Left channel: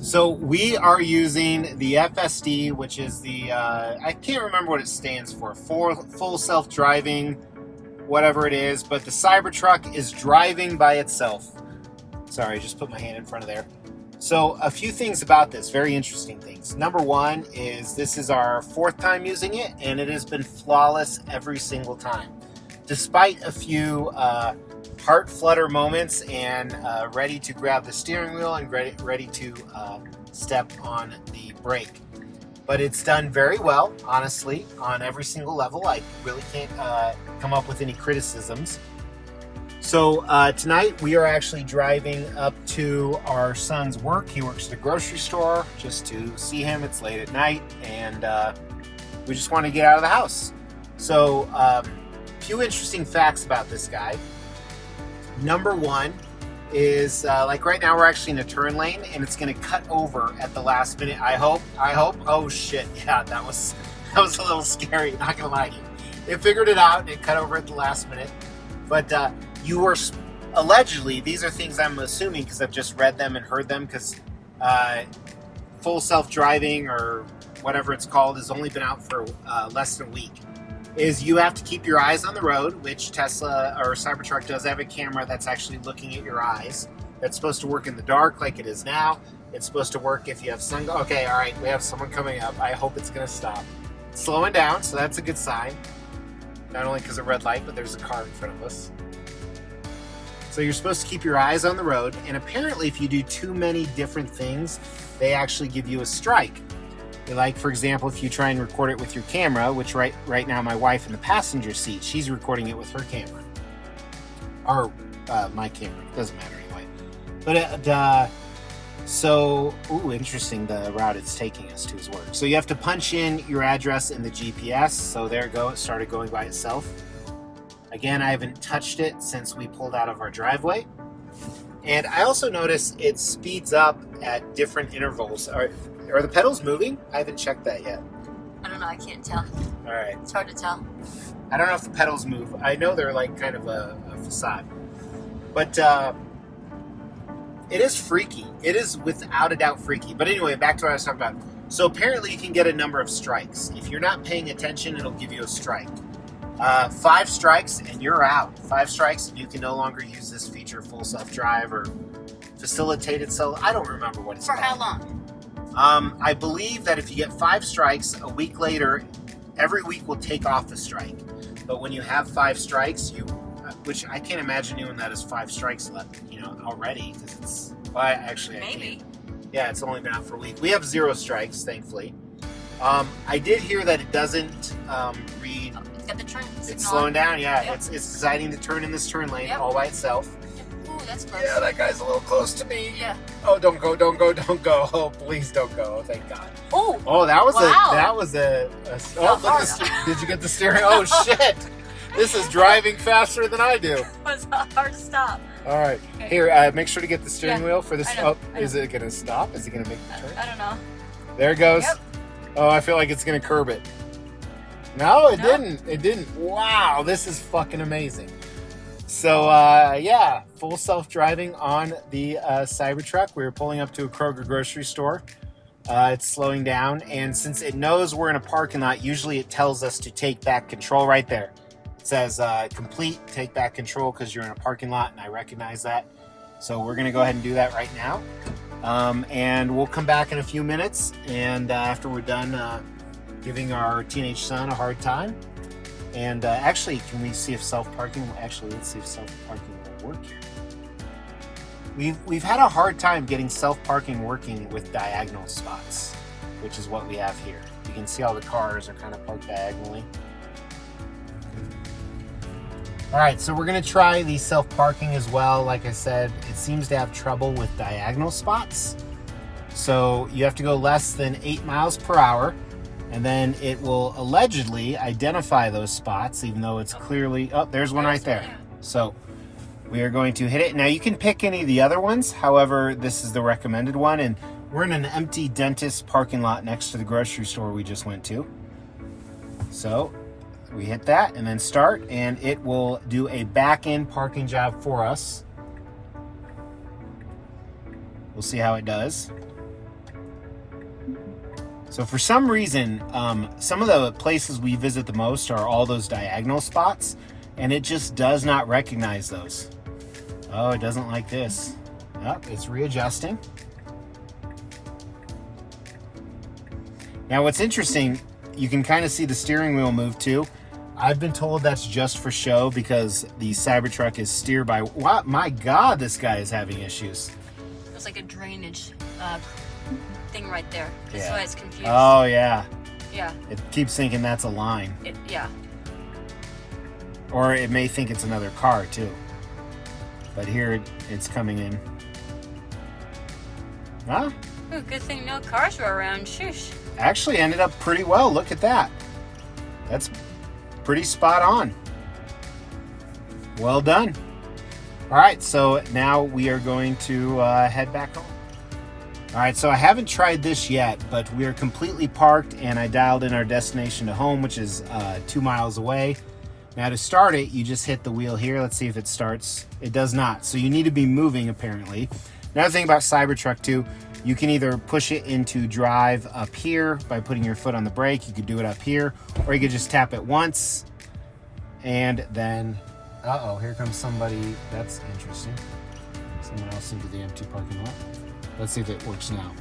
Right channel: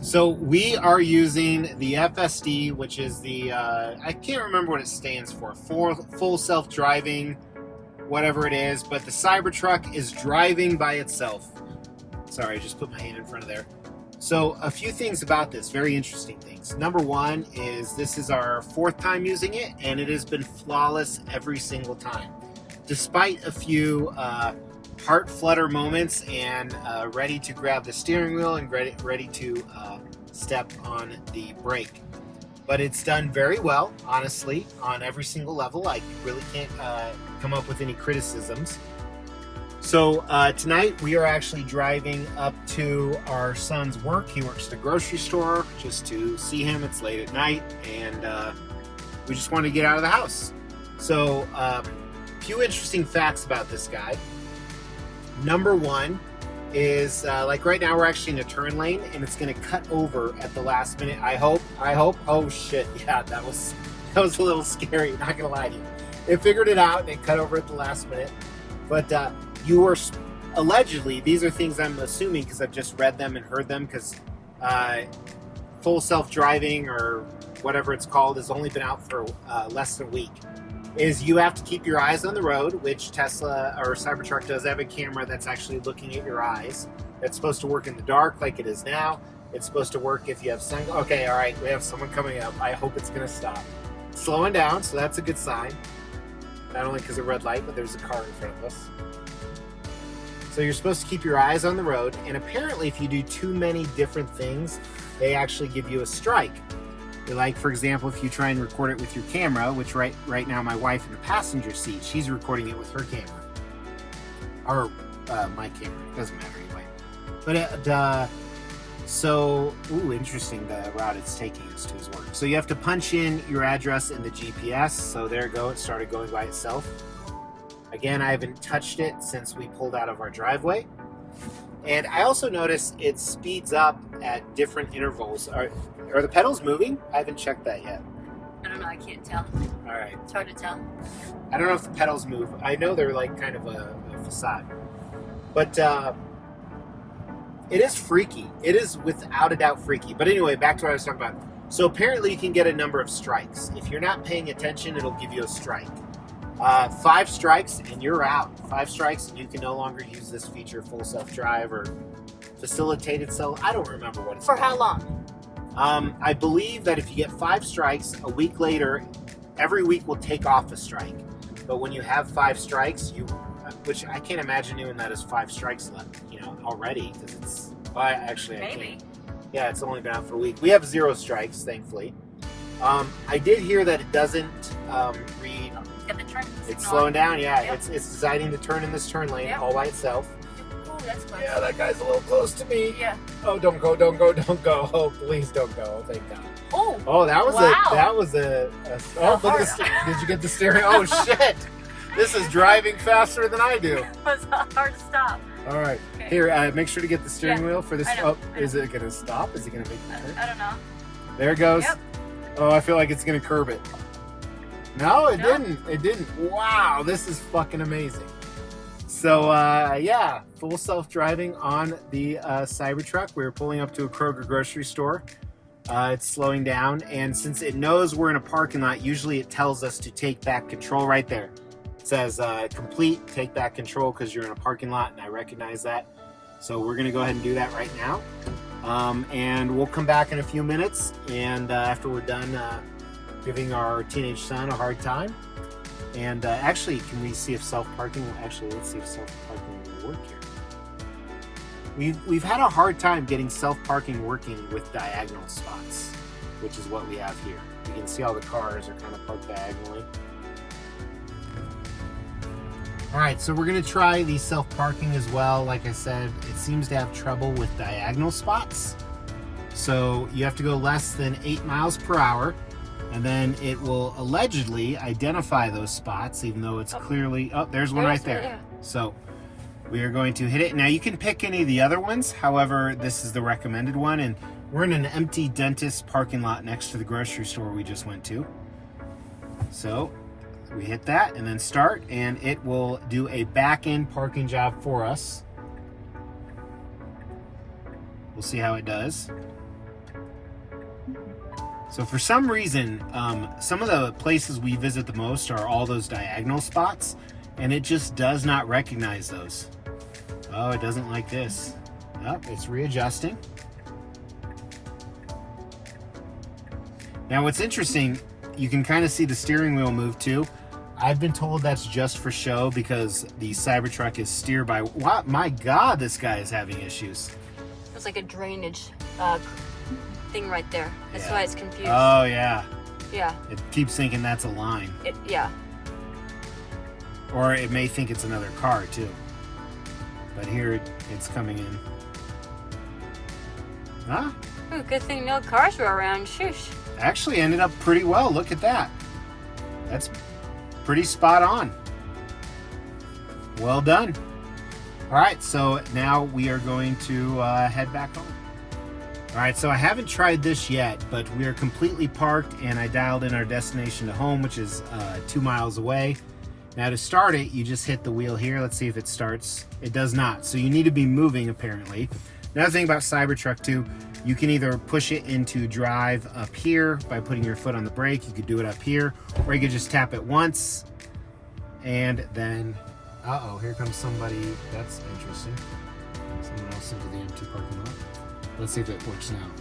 So we are using the FSD, which is the, I can't remember what it stands for, full self-driving, whatever it is, but the CyberTruck is driving by itself. Sorry, I just put my hand in front of there. So a few things about this, very interesting things. Number one is this is our 4th time using it, and it has been flawless every single time. Despite a few heart flutter moments and ready to grab the steering wheel and ready to step on the brake. But it's done very well, honestly, on every single level. I really can't come up with any criticisms. So tonight we are actually driving up to our son's work. He works at a grocery store, just to see him. It's late at night, and we just want to get out of the house. So a few interesting facts about this guy. Number one is like right now we're actually in a turn lane, and it's going to cut over at the last minute. I hope. Oh shit, yeah, that was a little scary, not gonna lie to you. It figured it out and it cut over at the last minute. But you were allegedly, these are things I'm assuming because I've just read them and heard them, because full self-driving or whatever it's called has only been out for less than a week. Is you have to keep your eyes on the road, which Tesla or Cybertruck does have a camera that's actually looking at your eyes. It's supposed to work in the dark like it is now. It's supposed to work if you have sun. Okay, all right, we have someone coming up. I hope it's gonna stop. It's slowing down, so that's a good sign. Not only because of red light, but there's a car in front of us. So you're supposed to keep your eyes on the road, and apparently if you do too many different things, they actually give you a strike. Like, for example, if you try and record it with your camera, which right now my wife in the passenger seat, she's recording it with her camera. Or my camera, it doesn't matter anyway. But so, interesting the route it's taking us to his work. So you have to punch in your address in the GPS. So there you go, it started going by itself. Again, I haven't touched it since we pulled out of our driveway. And I also noticed it speeds up at different intervals. Are the pedals moving? I haven't checked that yet. I don't know, I can't tell. All right. It's hard to tell. I don't know if the pedals move. I know they're like kind of a facade. But it is freaky. It is without a doubt freaky. But anyway, back to what I was talking about. So apparently you can get a number of strikes. If you're not paying attention, it'll give you a strike. 5 strikes and you're out. 5 strikes and you can no longer use this feature, full self-drive or facilitated self. I don't remember what it's called. For how long? I believe that if you get 5 strikes, a week later, every week will take off a strike. But when you have 5 strikes, which I can't imagine doing that as 5 strikes left, already, because it's, well, actually, Maybe. Yeah, it's only been out for a week. We have 0 strikes, thankfully. I did hear that it doesn't read. Got the turn signal. It's slowing down, yeah. Yep. It's deciding to turn in this turn lane all by itself. Ooh, that's close. Yeah, that guy's a little close to me. Yeah. Oh, don't go. Oh, please don't go. Thank God. Oh, that was wow. Oh, look at did you get the steering? Oh, shit. This is driving faster than I do. It was hard to stop. All right. Okay. Here, make sure to get the steering wheel for this. I know. Is it going to stop? Is it going to make the turn? I don't know. There it goes. Yep. Oh, I feel like it's going to curb it. No, it didn't. It didn't. Wow, this is fucking amazing. So, yeah, full self-driving on the Cybertruck. We were pulling up to a Kroger grocery store. It's slowing down, and since it knows we're in a parking lot, usually it tells us to take back control right there. It says, complete, take back control, because you're in a parking lot, and I recognize that. So we're going to go ahead and do that right now. And we'll come back in a few minutes, and after we're done giving our teenage son a hard time. And actually, can we see if self-parking, let's see if self-parking will work here. We've had a hard time getting self-parking working with diagonal spots, which is what we have here. You can see all the cars are kind of parked diagonally. All right, so we're gonna try the self-parking as well. Like I said, it seems to have trouble with diagonal spots. So you have to go less than 8 miles per hour, and then it will allegedly identify those spots, even though it's clearly, there's one right there. So we are going to hit it. Now you can pick any of the other ones. However, this is the recommended one, and we're in an empty dentist parking lot next to the grocery store we just went to. So we hit that and then start, and it will do a back-end parking job for us. We'll see how it does. So for some reason, some of the places we visit the most are all those diagonal spots, and it just does not recognize those. Oh, it doesn't like this. Oh, it's readjusting. Now what's interesting, you can kind of see the steering wheel move too. I've been told that's just for show because the CyberTruck is steered by, what? My God, this guy is having issues. It's like a drainage thing right there. That's why it's confused. Oh yeah. Yeah. It keeps thinking that's a line. Yeah. Or it may think it's another car too. But here it's coming in. Huh? Ooh, good thing no cars were around. Shush. Actually ended up pretty well. Look at that. That's pretty spot on. Well done. All right, so now we are going to head back home. All right, so I haven't tried this yet, but we are completely parked and I dialed in our destination to home, which is 2 miles away. Now to start it, you just hit the wheel here. Let's see if it starts. It does not, so you need to be moving apparently. Another thing about CyberTruck too, you can either push it into drive up here by putting your foot on the brake. You could do it up here, or you could just tap it once and then, uh-oh, here comes somebody. That's interesting. Someone else into the empty parking lot. Let's see if it works now.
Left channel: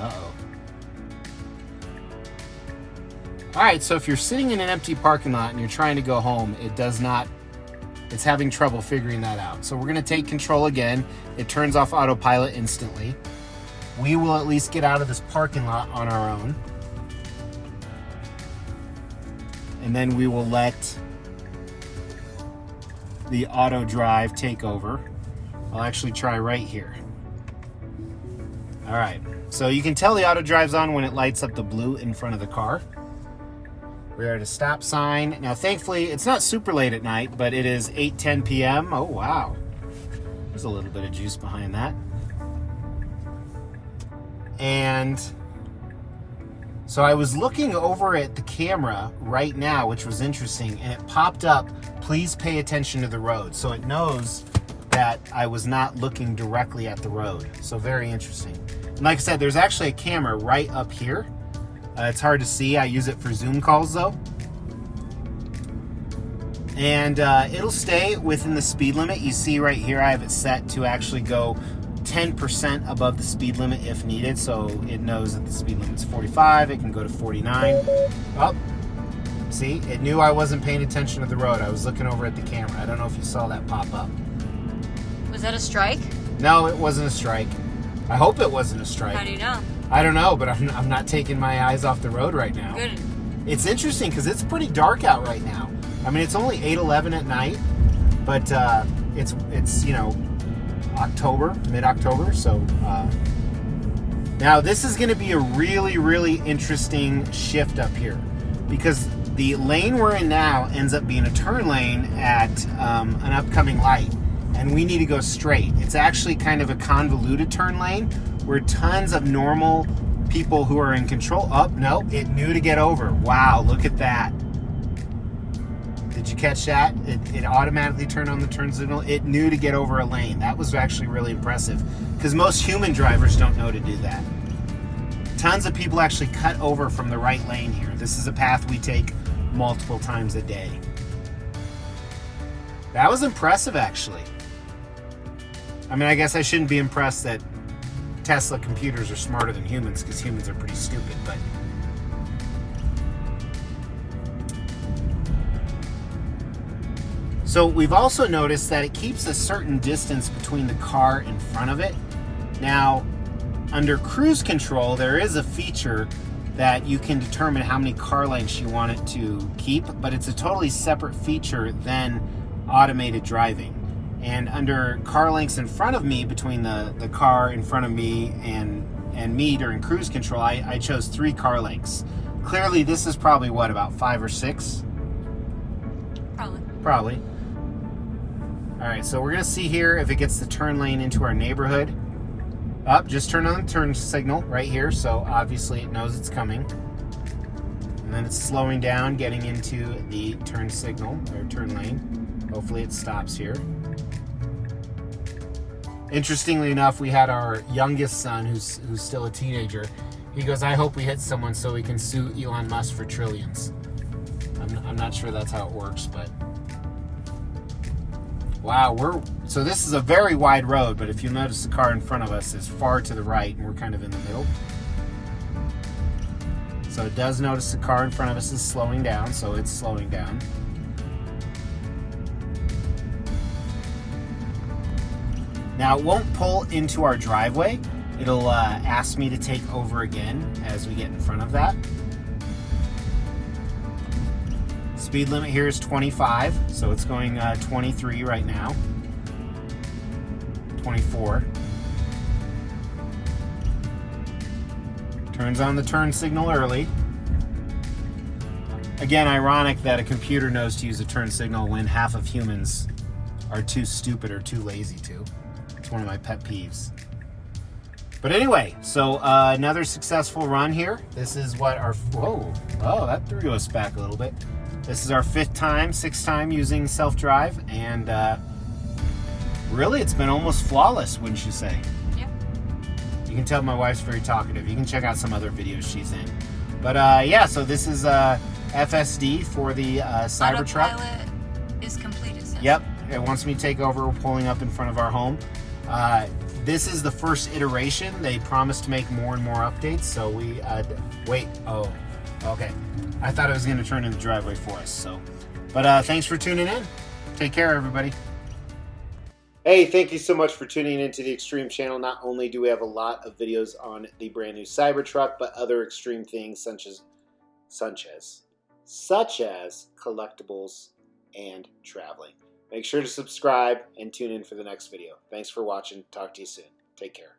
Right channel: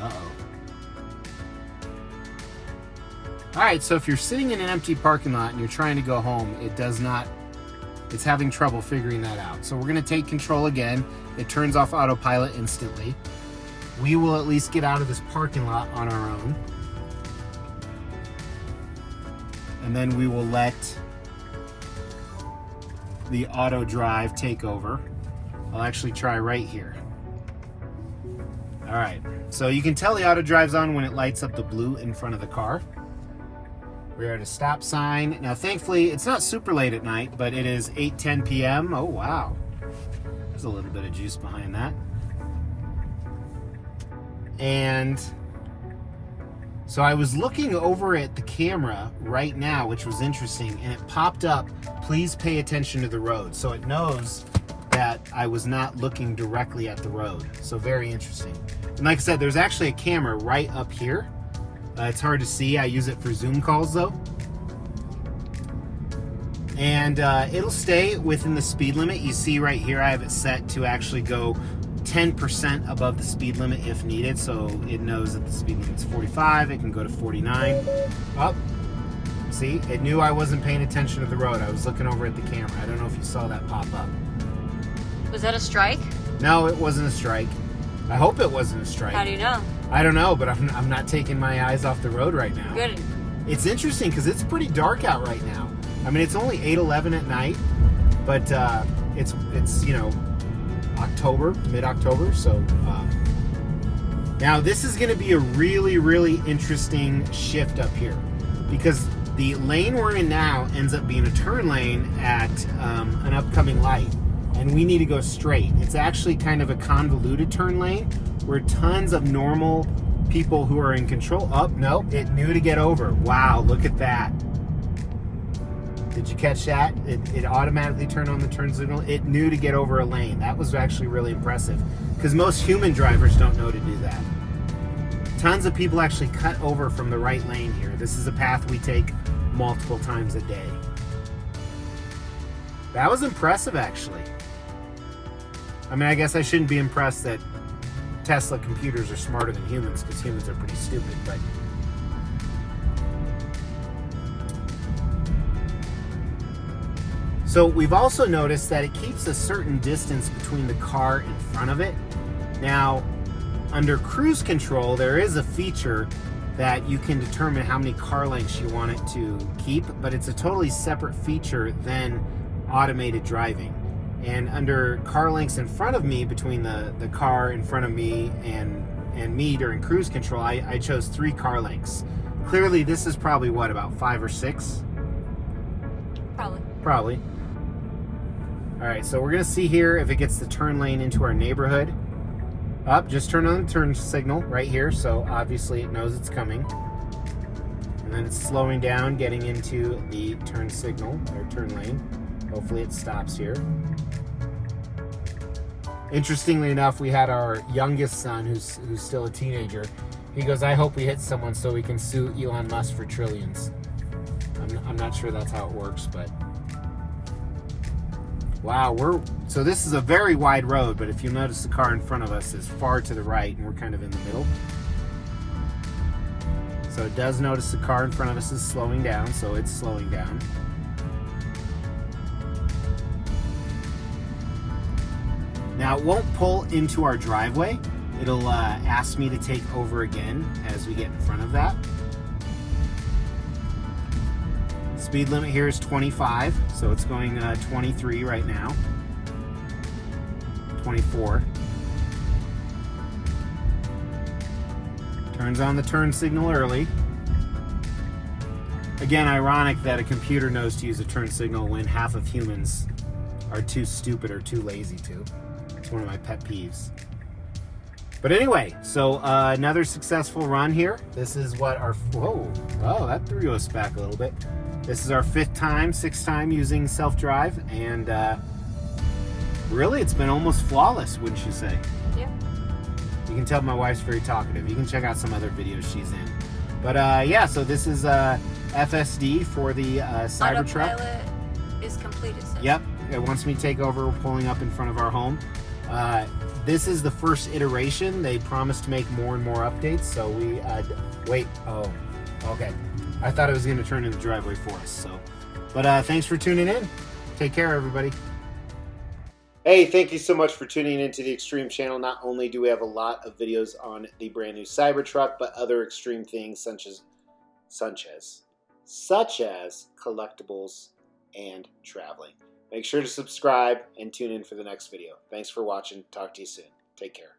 Uh-oh. All right, so if you're sitting in an empty parking lot and you're trying to go home, it does not, it's having trouble figuring that out. So we're gonna take control again. It turns off autopilot instantly. We will at least get out of this parking lot on our own. And then we will let the auto drive take over. I'll actually try right here. All right, so you can tell the auto drive's on when it lights up the blue in front of the car. We're at a stop sign. Now, thankfully, it's not super late at night, but it is 8:10 p.m. Oh, wow. There's a little bit of juice behind that. And so I was looking over at the camera right now, which was interesting, and it popped up, please pay attention to the road. So it knows that I was not looking directly at the road. So very interesting. And like I said, there's actually a camera right up here. It's hard to see. I use it for Zoom calls though. And it'll stay within the speed limit. You see right here, I have it set to actually go 10% above the speed limit if needed. So it knows that the speed limit's 45. It can go to 49. Oh, see, it knew I wasn't paying attention to the road. I was looking over at the camera. I don't know if you saw that pop up. Was that a strike? No, it wasn't a strike. I hope it wasn't a strike. How do you know? I don't know, but I'm not taking my eyes off the road right now. Good. It's interesting because it's pretty dark out right now. I mean, it's only 8:11 at night, but it's you know, October, mid-October. So now this is going to be a really interesting shift up here because the lane we're in now ends up being a turn lane at an upcoming light, and we need to go straight. It's actually kind of a convoluted turn lane where tons of normal people who are in control. Oh, no, it knew to get over. Wow, look at that. Did you catch that? It automatically turned on the turn signal. It knew to get over a lane. That was actually really impressive because most human drivers don't know to do that. Tons of people actually cut over from the right lane here. This is a path we take multiple times a day. That was impressive, actually. I mean, I guess I shouldn't be impressed that Tesla computers are smarter than humans because humans are pretty stupid, but so we've also noticed that it keeps a certain distance between the car in front of it. Now, under cruise control, there is a feature that you can determine how many car lengths you want it to keep, but it's a totally separate feature than automated driving. And under car lengths in front of me, between the car in front of me and me during cruise control, I chose 3 car lengths. Clearly, this is probably, what, about 5 or 6? Probably. All right, so we're gonna see here if it gets the turn lane into our neighborhood. Up, just turn on the turn signal right here, so obviously it knows it's coming. And then it's slowing down, getting into the turn signal, or turn lane. Hopefully it stops here. Interestingly enough, we had our youngest son, who's still a teenager. He goes, I hope we hit someone so we can sue Elon Musk for trillions. I'm not sure that's how it works, but wow, so this is a very wide road, but if you notice, the car in front of us is far to the right, and we're kind of in the middle. So it does notice the car in front of us is slowing down, so it's slowing down. Now it won't pull into our driveway. It'll ask me to take over again as we get in front of that. Speed limit here is 25, so it's going 23 right now. 24. Turns on the turn signal early. Again, ironic that a computer knows to use a turn signal when half of humans are too stupid or too lazy to. It's one of my pet peeves. But anyway, so another successful run here. This is what our, whoa, that threw us back a little bit. This is our sixth time using self-drive, and really it's been almost flawless, wouldn't you say? Yeah. You can tell my wife's very talkative. You can check out some other videos she's in. But yeah, so this is FSD for the CyberTruck. Autopilot is complete, it says. Yep, it wants me to take over. We're pulling up in front of our home. This is the first iteration. They promised to make more and more updates, so we wait. Oh, okay. I thought it was going to turn in the driveway for us. So, but thanks for tuning in. Take care, everybody. Hey, thank you so much for tuning into the Extreme channel. Not only do we have a lot of videos on the brand new CyberTruck, but other extreme things such as collectibles and traveling. Make sure to subscribe and tune in for the next video. Thanks for watching. Talk to you soon. Take care.